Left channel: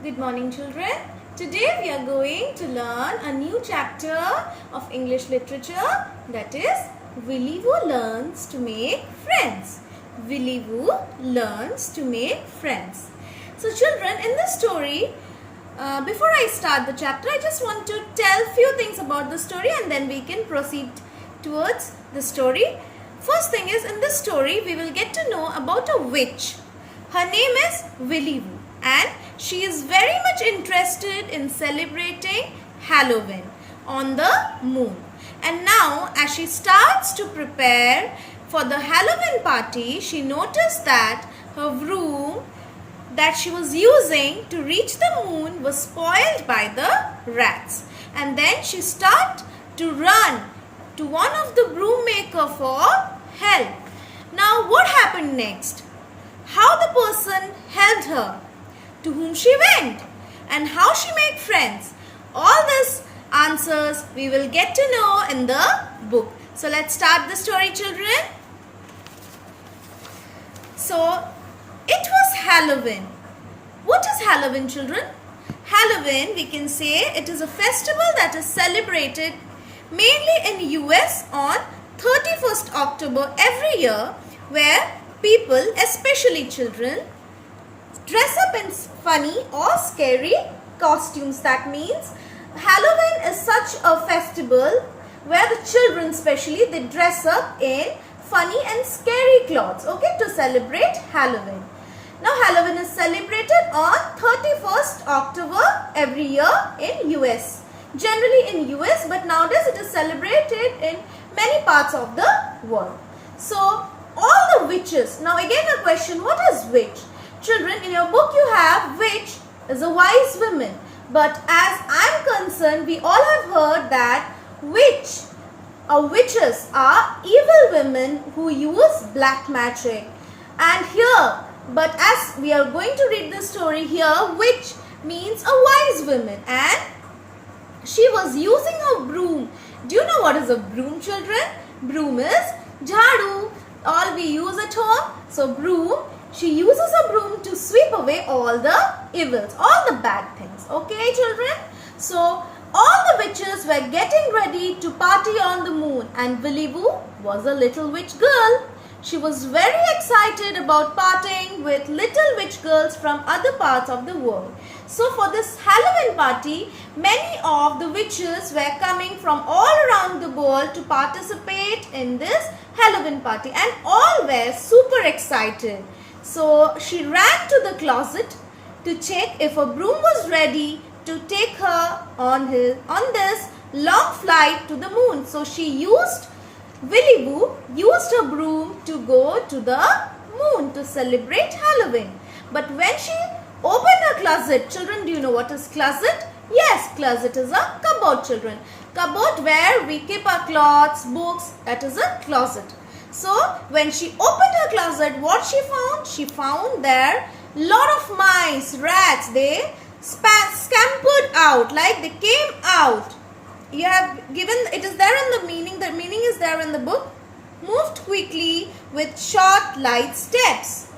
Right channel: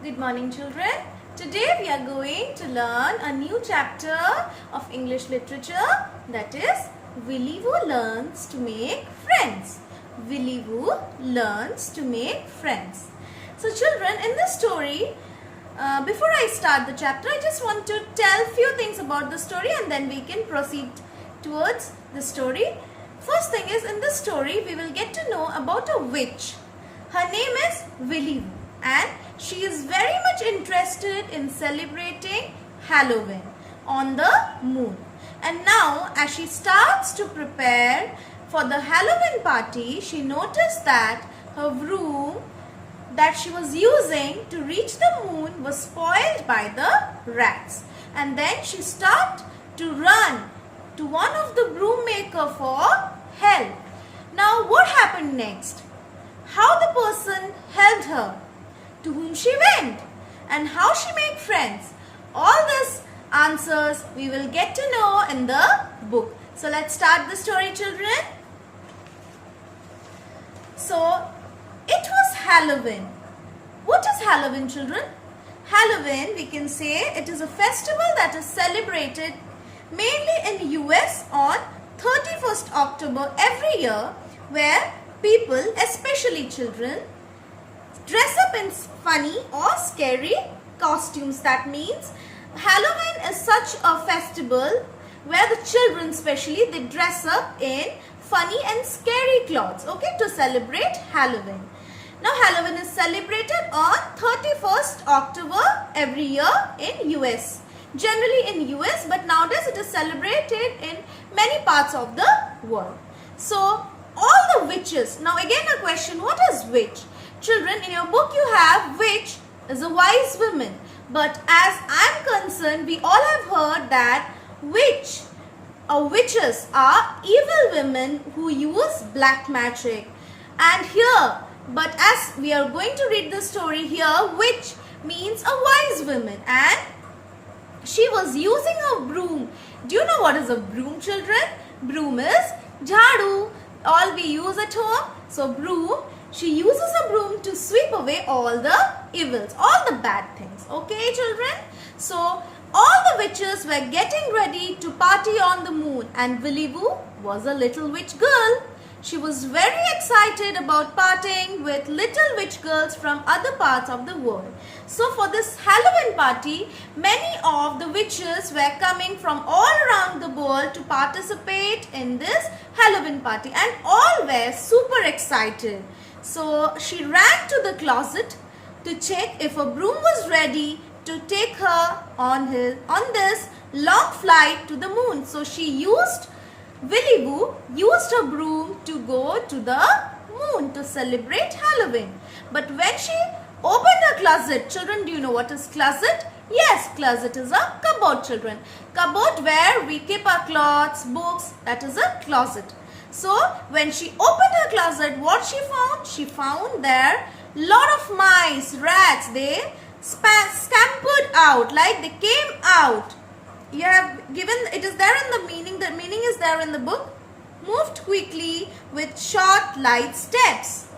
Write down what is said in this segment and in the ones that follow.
Good morning, children. Today we are going to learn a new chapter of English literature, that is Willy Woo Learns to Make Friends. Willy Woo learns to make friends. So children, in this story, before I start the chapter, I just want to tell few things about the story and then we can proceed towards the story. First thing is, in this story we will get to know about a witch. Her name is Willy Woo and she is very much interested in celebrating Halloween on the moon. And now as she starts to prepare for the Halloween party, she noticed that her broom that she was using to reach the moon was spoiled by the rats. And then she started to run to one of the broom maker for help. Now what happened next? How the person helped her, to whom she went, and how she made friends. All these answers we will get to know in the book. So let's start the story, children. So it was Halloween. What is Halloween, children? Halloween, we can say it is a festival that is celebrated mainly in US on 31st October every year, where people, especially children, dress up in funny or scary costumes. That means Halloween is such a festival where the children especially, they dress up in funny and scary clothes, okay, to celebrate Halloween. Now Halloween is celebrated on 31st October every year in US. Generally in US, but nowadays it is celebrated in many parts of the world. So all the witches, now again a question, what is witch? Children, in your book you have witch is a wise woman. But as I am concerned, we all have heard that witch or witches are evil women who use black magic. And here, but as we are going to read the story here, witch means a wise woman and she was using a broom. Do you know what is a broom, children? Broom is jhadu. All we use at home. So broom, she uses a broom to sweep away all the evils, all the bad things. Okay, children? So all the witches were getting ready to party on the moon and Willy Woo was a little witch girl. She was very excited about partying with little witch girls from other parts of the world. So for this Halloween party, many of the witches were coming from all around the world to participate in this Halloween party and all were super excited. So she ran to the closet to check if a broom was ready to take her on this long flight to the moon. So Willy Woo used a broom to go to the moon to celebrate Halloween. But when she opened her closet, children, do you know what is closet? Yes, closet is a cupboard, children. Cupboard where we keep our clothes, books, that is a closet. So when she opened her closet, what she found? She found there lot of mice, rats. They scampered out, like they came out. You have given, it is there in the meaning is there in the book. Moved quickly with short light steps.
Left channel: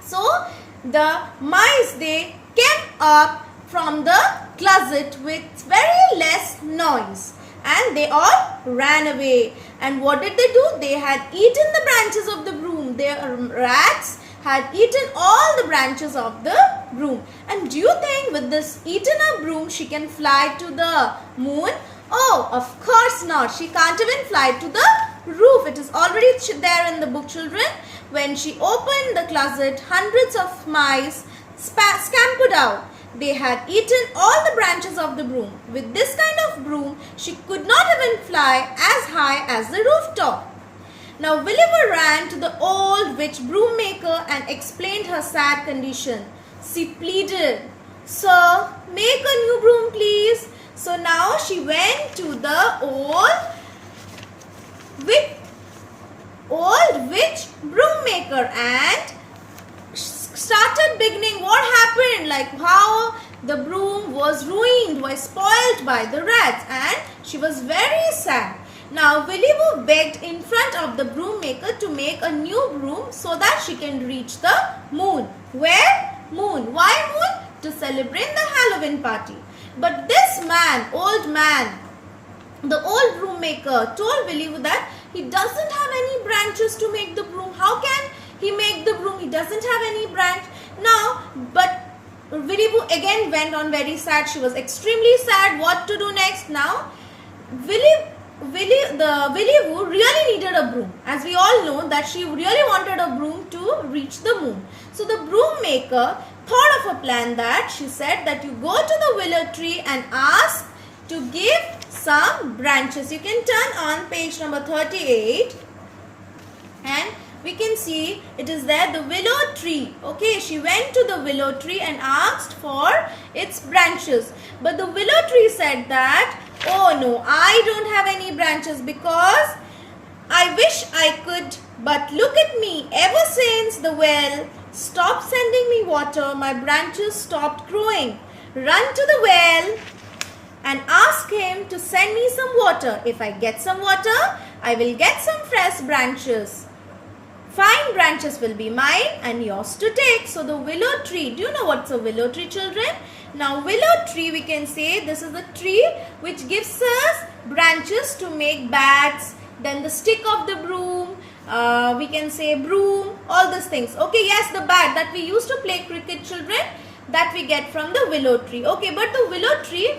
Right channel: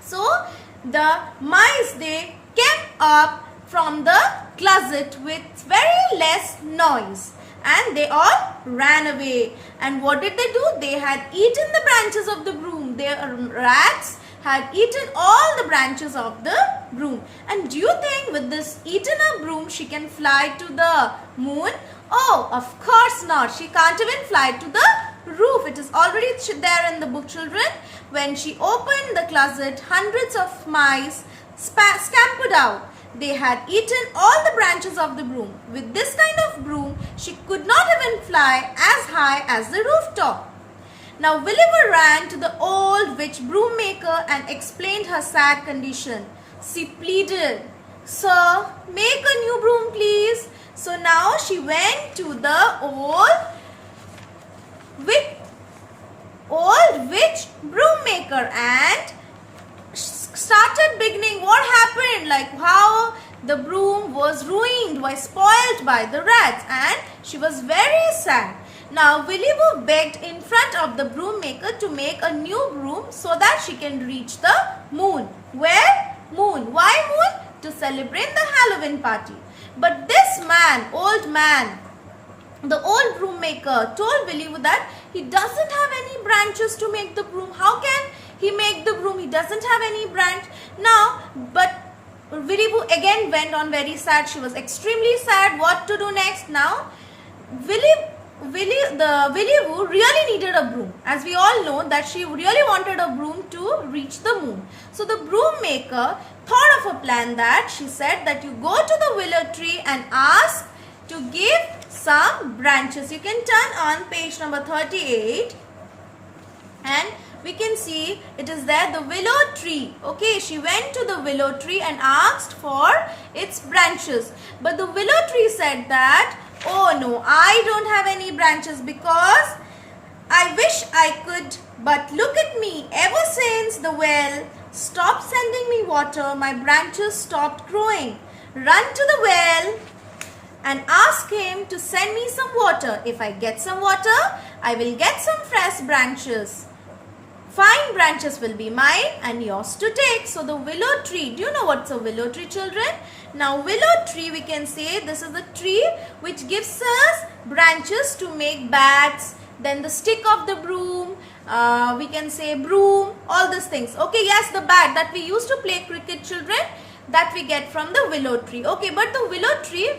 So the mice, they came up from the closet with very less noise and they all ran away. And what did they do? They had eaten the branches of the broom. Their rats had eaten all the branches of the broom. And do you think with this eaten a broom she can fly to the moon? Oh, of course not. She can't even fly to the roof. It is already there in the book, children. When she opened the closet, hundreds of mice scampered out. They had eaten all the branches of the broom. With this kind of broom, she could not even fly as high as the rooftop. Now Willy Woo ran to the old witch broom maker and explained her sad condition. She pleaded, "Sir, make a new broom, please." So now she went to the old witch broom maker and started beginning what happened, like how the broom was ruined, was spoiled by the rats, and she was very sad. Now Willy Woo begged in front of the broom maker to make a new broom so that she can reach the moon. Where? Moon. Why moon? to celebrate the Halloween party. But this old man, the old broom maker told Willy Woo that he doesn't have any branches to make the broom. How can he make the broom? He doesn't have any branch. Now, but Willy Woo again went on very sad. She was extremely sad. What to do next? Now, Willy Woo really needed a broom. As we all know that she really wanted a broom to reach the moon. So the broom maker thought of a plan that she said that you go to the willow tree and ask to give some branches. You can turn on page number 38 and we can see it is there, the willow tree. Okay, she went to the willow tree and asked for its branches. But the willow tree said that, oh no, I don't have any branches because I wish I could, but look at me. Ever since the well stopped sending me water, my branches stopped growing. Run to the well and ask him to send me some water. If I get some water, I will get some fresh branches. Fine branches will be mine and yours to take. So the willow tree, do you know what's a willow tree, children? Now willow tree, we can say this is the tree which gives us branches to make bats, then the stick of the broom, we can say broom, all these things. Okay, yes, the bat that we used to play cricket, children, that we get from the willow tree. Okay, but the willow tree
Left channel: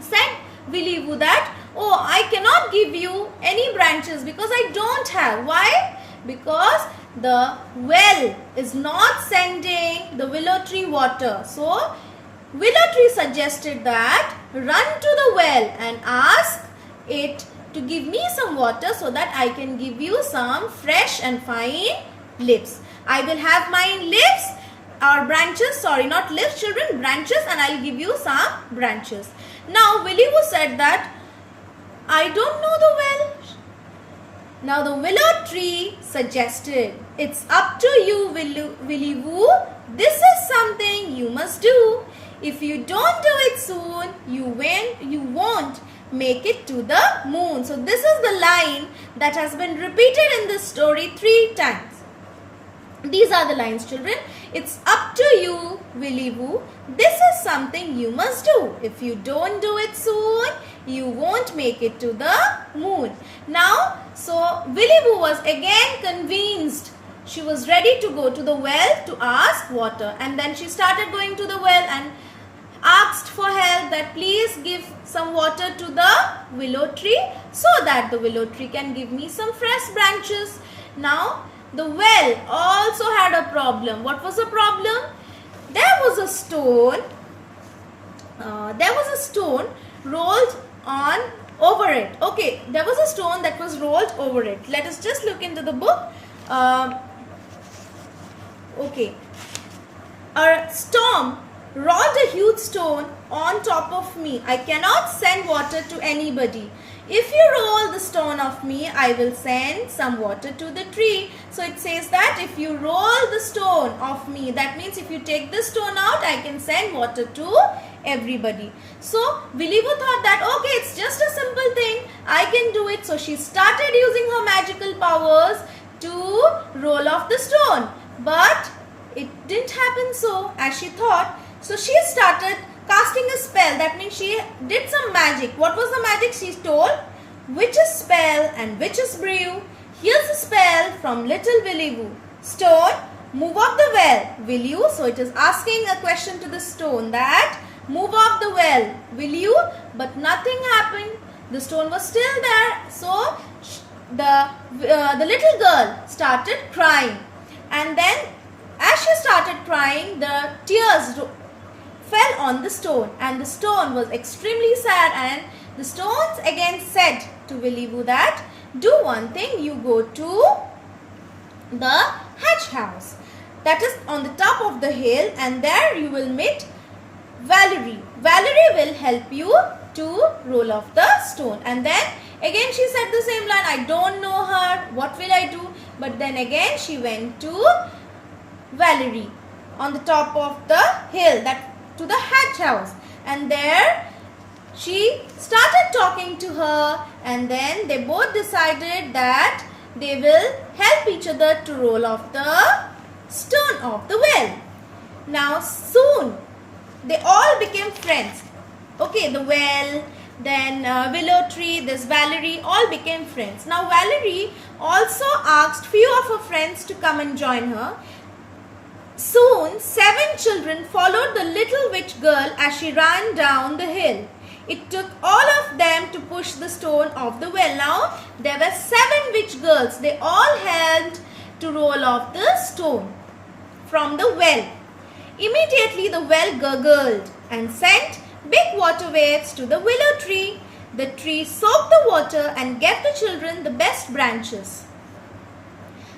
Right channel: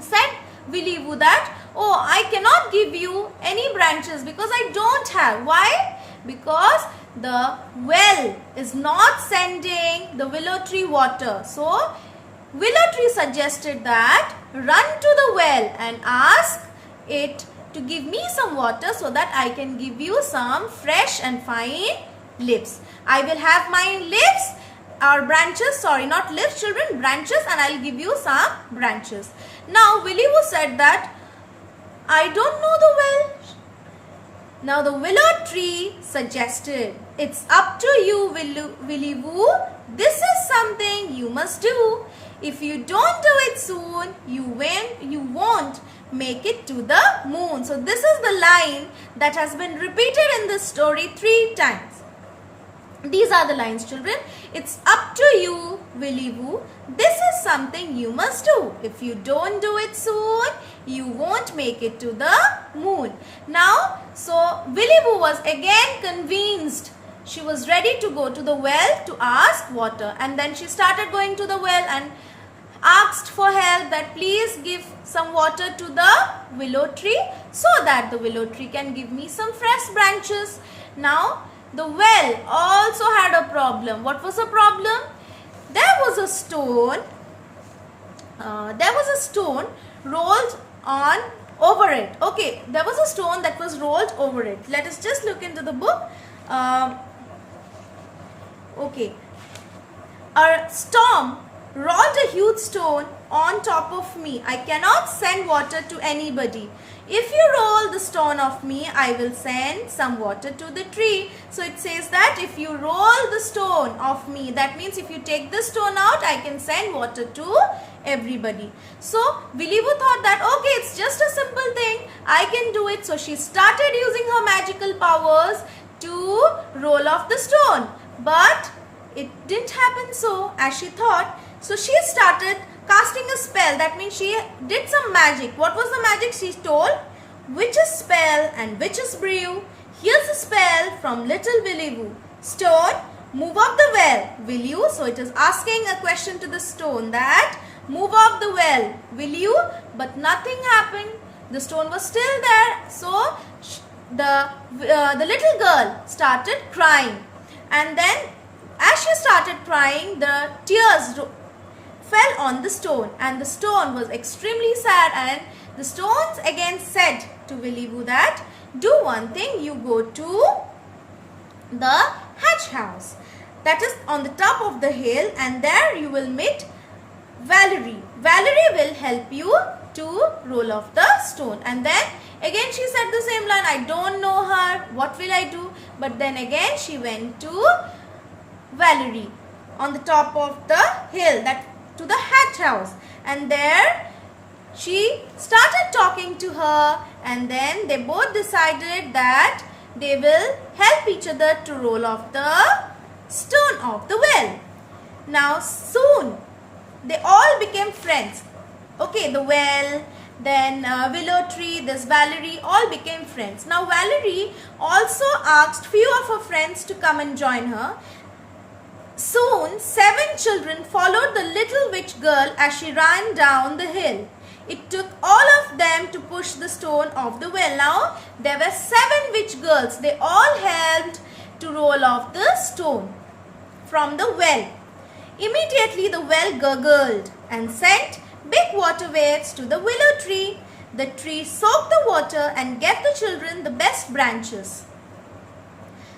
said Willy Woo that, oh, I cannot give you any branches because I don't have. Why? Because the well is not sending the willow tree water. So willow tree suggested that run to the well and ask it to give me some water so that I can give you some fresh and fine leaves. I will have my leaves or branches, sorry, not leaves, children, branches, and I'll give you some branches. Now Willy Woo said that I don't know the well. Now the willow tree suggested, it's up to you, Willy Woo. This is something you must do. If you don't do it soon, you won't make it to the moon. So this is the line that has been repeated in this story 3 times. These are the lines, children. It's up to you, Willy Woo. This is something you must do. If you don't do it soon, you won't make it to the moon. Now, so Willy Woo was again convinced. She was ready to go to the well to ask water. And then she started going to the well and asked for help that please give some water to the willow tree so that the willow tree can give me some fresh branches. Now, the well also had a problem. What was the problem? There was a stone. Rolled on over it. Okay, there was a stone that was rolled over it. Let us just look into the book. Okay, a storm rolled a huge stone on top of me. I cannot send water to anybody. If you roll the stone off me, I will send some water to the tree. So it says that if you roll the stone off me, that means if you take the stone out, I can send water to everybody. So Willy Woo thought that, okay, it's just a simple thing. I can do it. So she started using her magical powers to roll off the stone. But it didn't happen so as she thought. So she started casting a spell. That means she did some magic. What was the magic? She told, witch's spell and witch's brew. Here's a spell from little Willy Woo. Stone, move off the well. Will you? So it is asking a question to the stone that, move off the well. Will you? But nothing happened. The stone was still there. So the little girl started crying. And then as she started crying, the tears fell on the stone and the stone was extremely sad, and the stones again said to Willy Woo that, do one thing, you go to the hatch house that is on the top of the hill, and there you will meet Valerie. Valerie will help you to roll off the stone. And then again she said the same line, I don't know her, what will I do? But then again she went to Valerie on the top of the hill, that to the hatch house, and there she started talking to her, and then they both decided that they will help each other to roll off the stone of the well. Now soon they all became friends. Okay, the well, then Willow Tree, this Valerie, all became friends. Now Valerie also asked few of her friends to come and join her. Soon 7 children followed the little witch girl as she ran down the hill. It took all of them to push the stone off the well. Now there were 7 witch girls. They all helped to roll off the stone from the well. Immediately the well gurgled and sent big water waves to the willow tree. The tree soaked the water and gave the children the best branches.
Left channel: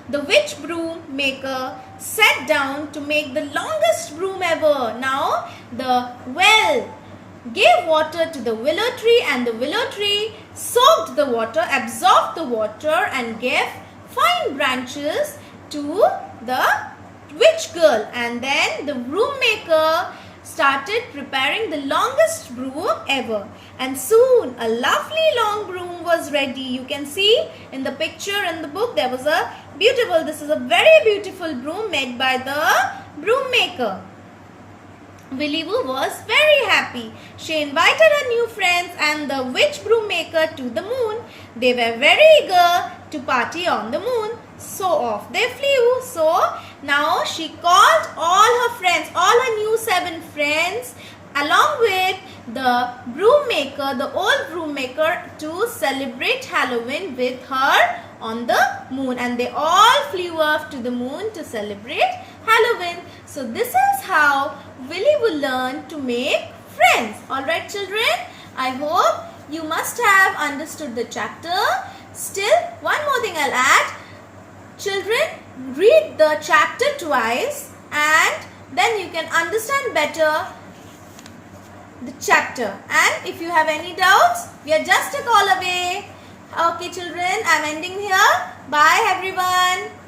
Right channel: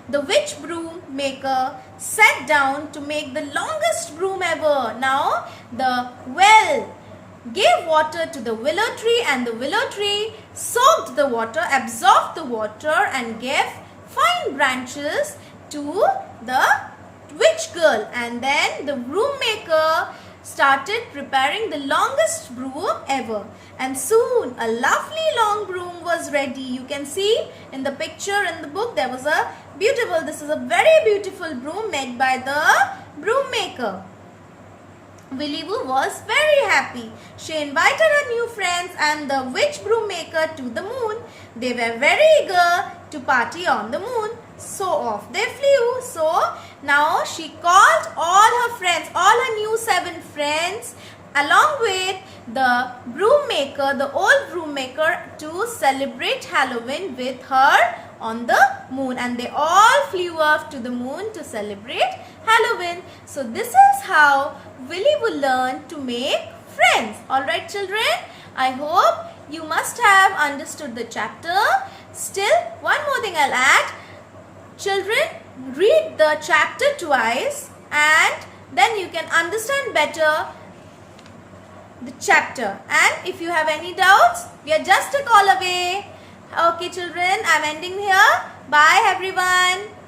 The witch broom maker sat down to make the longest broom ever. Now the well gave water to the willow tree, and the willow tree soaked the water, absorbed the water and gave fine branches to the witch girl. And then the broom maker started preparing the longest broom ever, and soon a lovely long broom was ready. You can see in the picture in the book there was a beautiful, this is a very beautiful broom made by the broom maker. Willy Woo was very happy. She invited her new friends and the witch broom maker to the moon. They were very eager to party on the moon. So off they flew. So now she called all her friends, all her new 7 friends, along with the broom maker, the old broom maker, to celebrate Halloween with her on the moon. And they all flew off to the moon to celebrate Halloween. So this is how Willy Woo learned to make friends. Alright children, I hope you must have understood the chapter. Still, one more thing I'll add. Children, read the chapter twice and then you can understand better the chapter. And if you have any doubts, we are just a call away. Okay children, I'm ending here. Bye everyone.